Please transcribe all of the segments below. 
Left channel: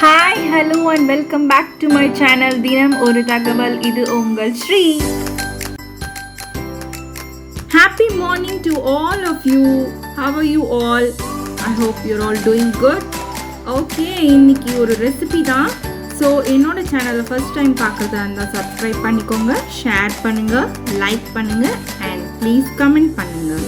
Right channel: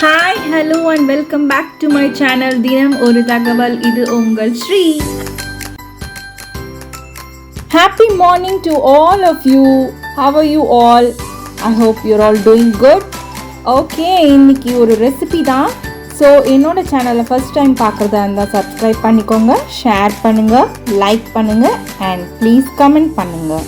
Hi, hello and welcome back to my channel தினம் ஒரு தகவல். இது உங்கள் Sri. Happy morning to all of you. How are you all? I hope you're all doing good. Okay, இன்னைக்கு ஒரு ரெசிபி தான். ஸோ என்னோட சேனலை ஃபர்ஸ்ட் டைம் பார்க்குறதா இருந்தால் சப்ஸ்கிரைப் பண்ணிக்கோங்க, ஷேர் பண்ணுங்கள், லைக் பண்ணுங்கள் அண்ட் ப்ளீஸ் கமெண்ட் பண்ணுங்கள்.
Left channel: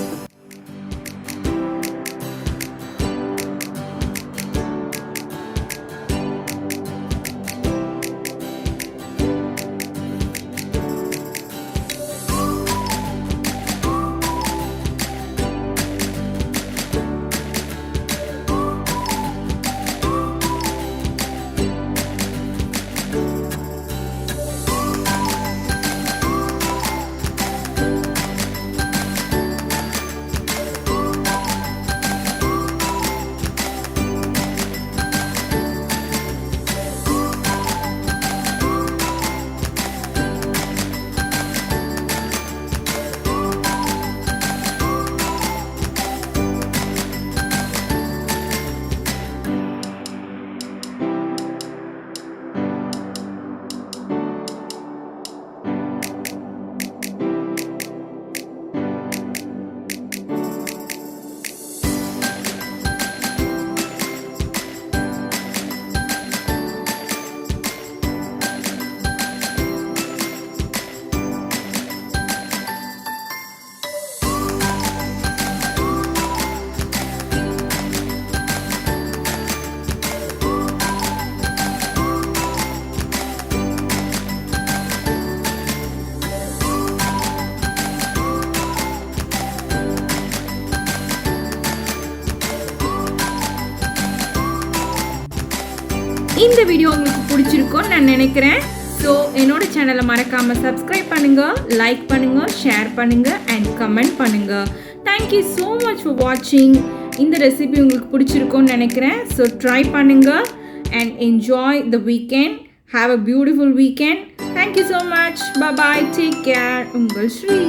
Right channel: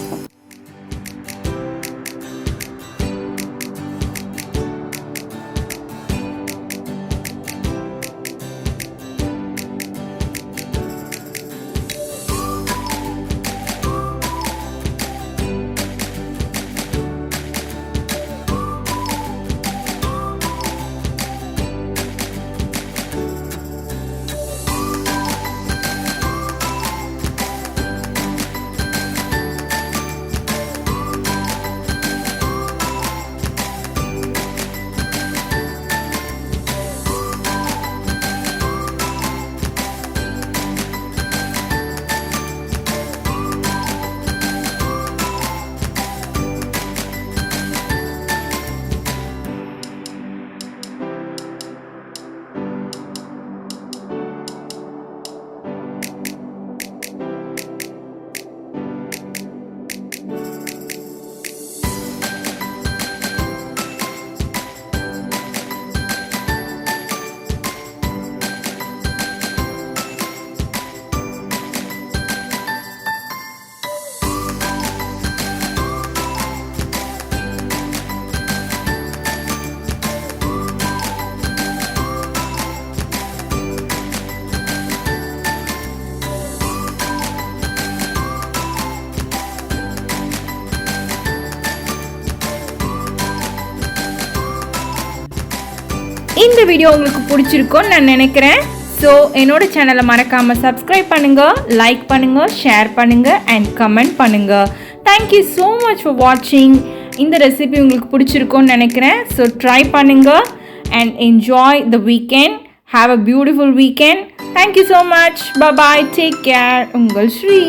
இந்த வீடியோ உங்களுக்கு பிடிச்சிருக்கும்னு நான் நினைக்கிறேன். ஸோ என்னோட சேனலை மறக்காமல் சப்ஸ்கிரைப் பண்ணுங்கள், லைக் பண்ணுங்கள், ஷேர் பண்ணுங்கள் அண்ட் கமெண்ட் பண்ணுங்கள். தேங்க்யூ ஸோ மச் ஃபார் வாட்சிங். இந்த ரெசிபி உங்களுக்கு பிடிச்சிருக்கும்னு நினைக்கிறேன். ஸோ ட்ரை பண்ணுங்கள் and enjoy the weekend. Have a beautiful weekend. Thank you so much. Bye, take care. உங்கள் ஸ்ரீ.